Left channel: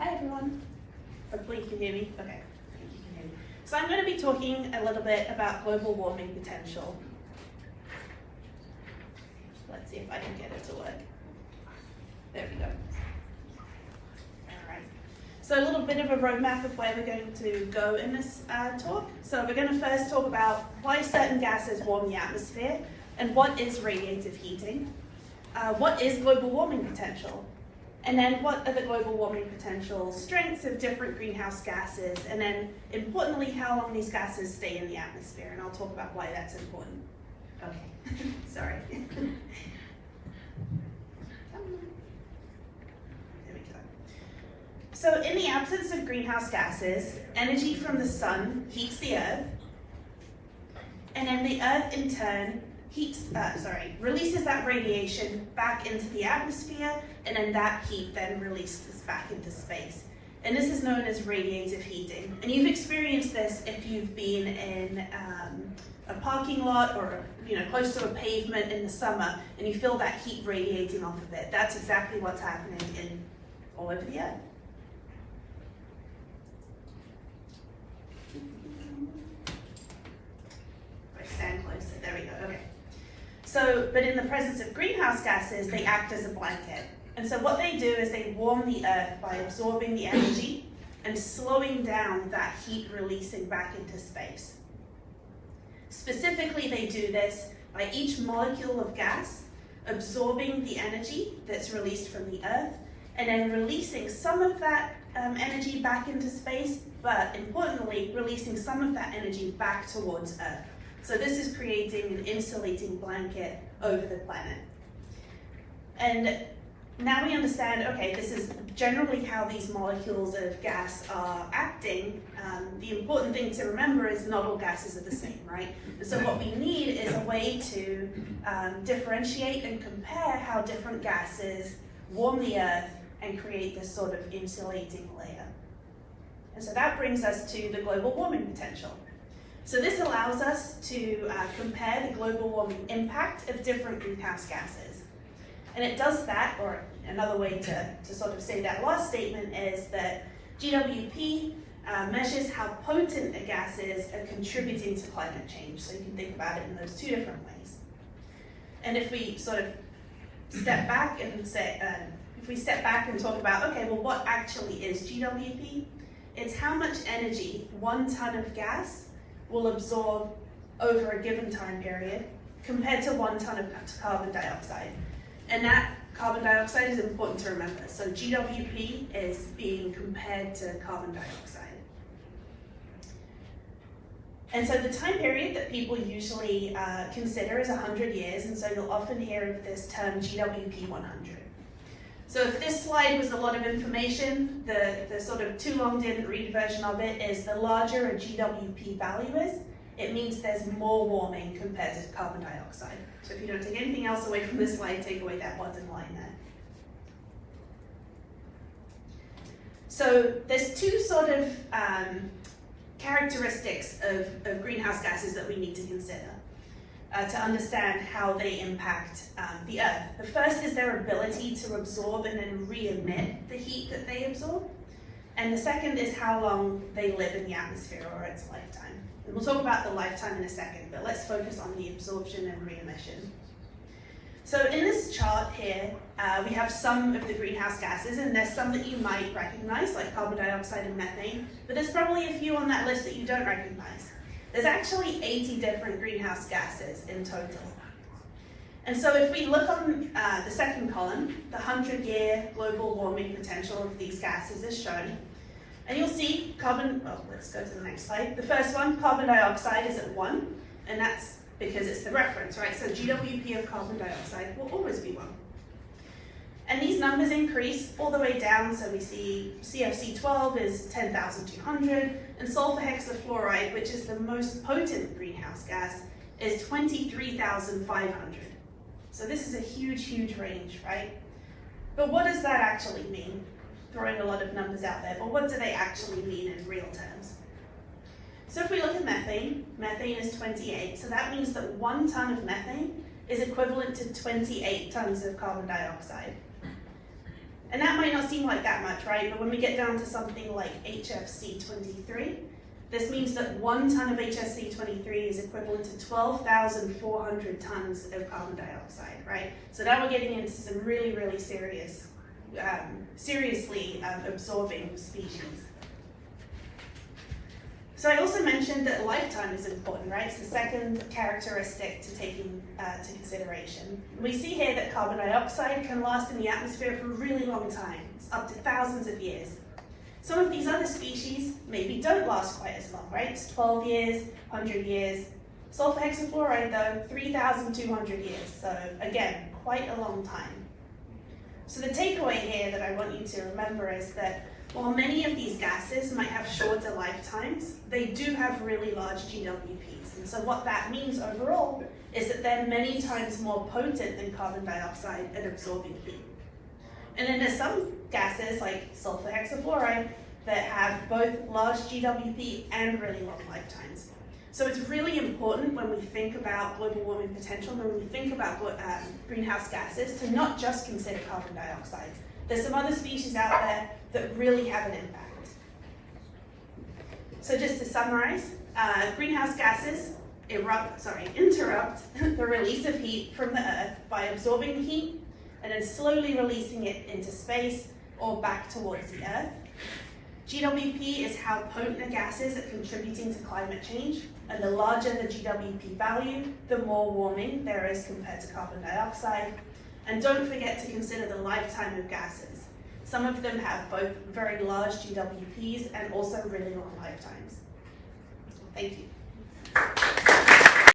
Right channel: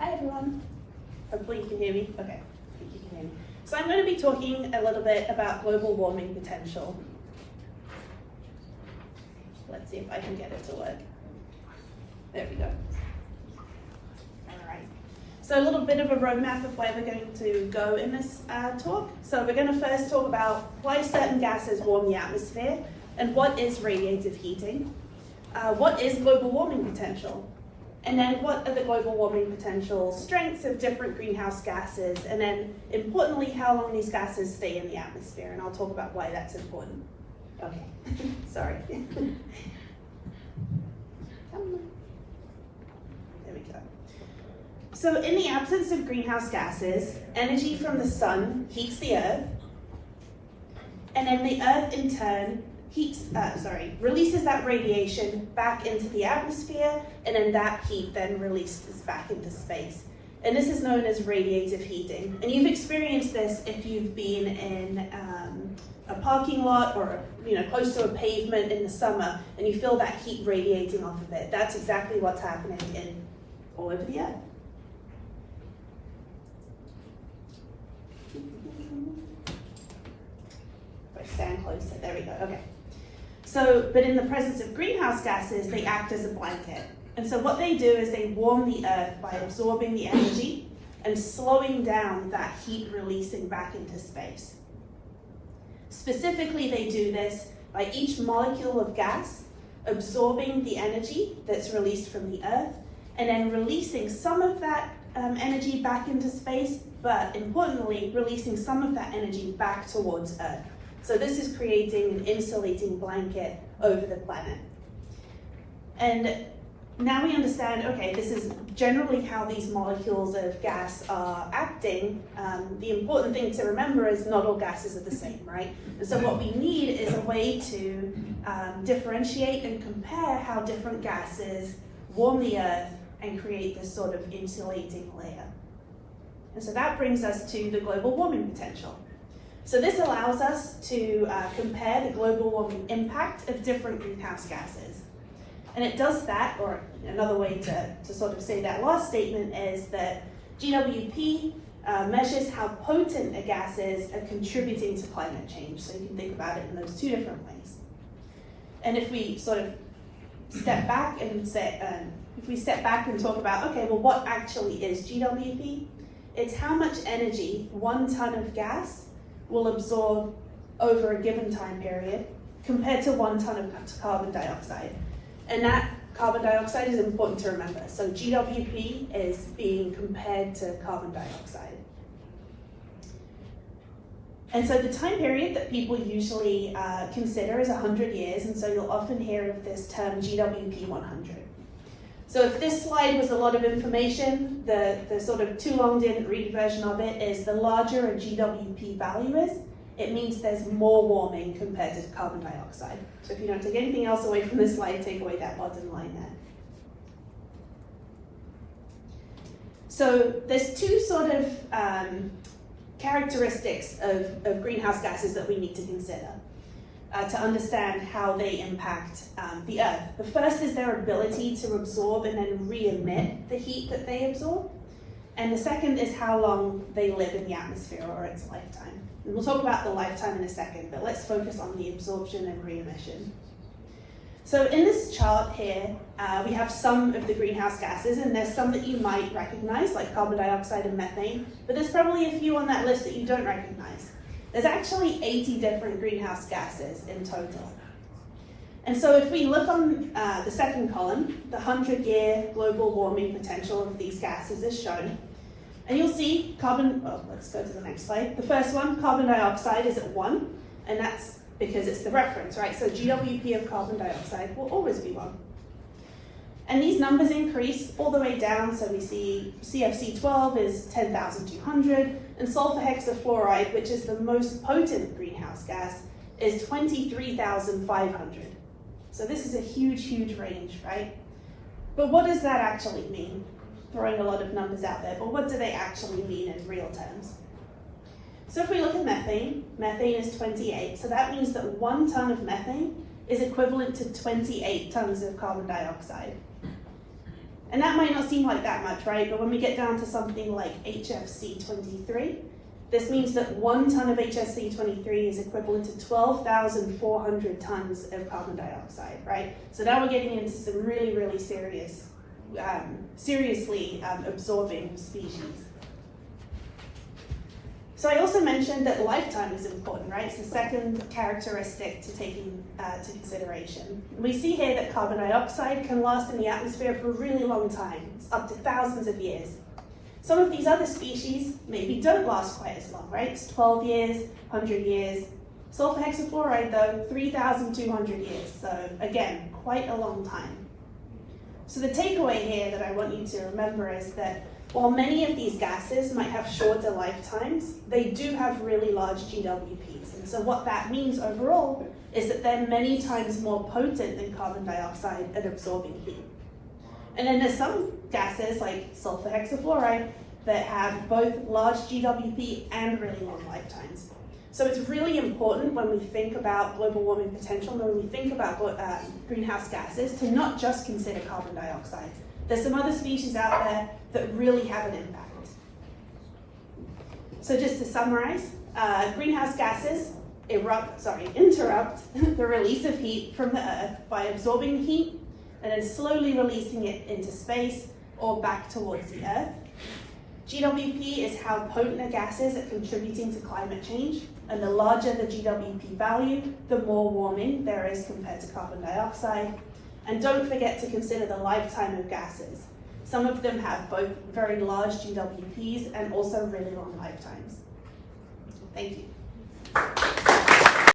Hi everyone. Hopefully you can hear me. Okay, I think you can hear me. So I'm going to be talking a little bit about global warming potential. Let's see if I can get it to work. There we go. All right. So a little bit of a roadmap of where we're going to go in this talk. So we're going to first talk about why certain gases warm the atmosphere and what is radiative heating. What is global warming potential? And then what are the global warming potential strengths of different greenhouse gases? And then importantly, how long these gases stay in the atmosphere. And I'll talk about why that's important. Okay, sorry. There we go. So in the absence of greenhouse gases, energy from the sun heats the earth. And then the earth in turn releases that radiation back into the atmosphere, and then that heat then releases back into space. And this is known as radiative heating. And you've experienced this if you've been in a parking lot or close to a pavement in the summer, and you feel that heat radiating off of it. That's exactly what's happening all over the earth. If I stand closer, there we go, okay. So, but in the presence of greenhouse gases, they act as a blanket. And so what they do is they warm the earth by absorbing the energy and slowing down that heat releasing back into space. Specifically, they do this by each molecule of gas absorbing the energy that's released from the earth and then releasing some of that energy back into space, but importantly, releasing some of that energy back towards Earth. So this is creating an insulating blanket over the planet. And now we understand, okay, this is generally how these molecules of gas are acting. The important thing to remember is not all gases are the same, right? And so what we need is a way to differentiate and compare how different gases warm the Earth and create this sort of insulating layer. And so that brings us to the global warming potential. So this allows us to compare the global warming impact of different greenhouse gases. And it does that, or another way to sort of say that last statement is that GWP measures how potent a gas is at contributing to climate change. So you can think about it in those two different ways. And if we sort of step back and say, if we step back and talk about, okay, well, what actually is GWP? It's how much energy 1 ton of gas will absorb over a given time period compared to 1 ton of carbon dioxide. And that carbon dioxide is important to remember. So GWP is being compared to carbon dioxide. And so the time period that people usually consider is 100 years, and so you'll often hear of this term GWP 100. So if this slide was a lot of information, the sort of too long didn't read version of it is the larger a GWP value is, it means there's more warming compared to carbon dioxide. So if you don't take anything else away from this slide, take away that bottom line there. So there's two sort of characteristics of greenhouse gases that we need to consider to understand how they impact the Earth. The first is their ability to absorb and then re-emit the heat that they absorb. And the second is how long they live in the atmosphere or its lifetime. And we'll talk about the lifetime in a second, but let's focus on the absorption and re-emission. So in this chart here, we have some of the greenhouse gases, and there's some that you might recognize, like carbon dioxide and methane, but there's probably a few on that list that you don't recognize. There's actually 80 different greenhouse gases in total. And so if we look on the second column, the 100-year global warming potential of these gases is shown. And you'll see let's go to the next slide. The first one, carbon dioxide, is at 1, and that's because it's the reference, right? So GWP of carbon dioxide will always be 1. And these numbers increase all the way down, so we see CFC12 is 10,200, and sulfur hexafluoride, which is the most potent greenhouse gas, is 23,500. So this is a huge, huge range, right? But what does that actually mean? Throwing a lot of numbers out there, but what do they actually mean in real terms? So if we look at methane, methane is 28, so that means that 1 ton of methane is equivalent to 28 tons of carbon dioxide. And that might not seem like that much, right? But when we get down to something like HFC 23, this means that 1 ton of HFC 23 is equivalent to 12,400 tons of carbon dioxide, right? So now we're getting into some really, really seriously absorbing species. So I also mentioned that lifetime is important, right? It's the second characteristic to take into consideration. We see here that carbon dioxide can last in the atmosphere for a really long time. It's up to thousands of years. Some of these other species maybe don't last quite as long, right? It's 12 years, 100 years. Sulfur hexafluoride though, 3,200 years. So again, quite a long time. So the takeaway here that I want you to remember is that while many of these gases might have shorter lifetimes, they do have really large GWPs. And so what that means overall is that they're many times more potent than carbon dioxide at absorbing heat. And then there's some gases like sulfur hexafluoride that have both large GWP and really long lifetimes. So it's really important when we think about global warming potential, when we think about greenhouse gases, to not just consider carbon dioxide. There's some other species out there that really have an impact. So just to summarize, greenhouse gases interrupt the release of heat from the Earth by absorbing the heat and then slowly releasing it into space or back towards the Earth. GWP is how potent a gas is at contributing to climate change, and the larger the GWP value, the more warming there is compared to carbon dioxide. And don't forget to consider the lifetime of gases. Some of them have both very large GWPs and also really long lifetimes. Thank you.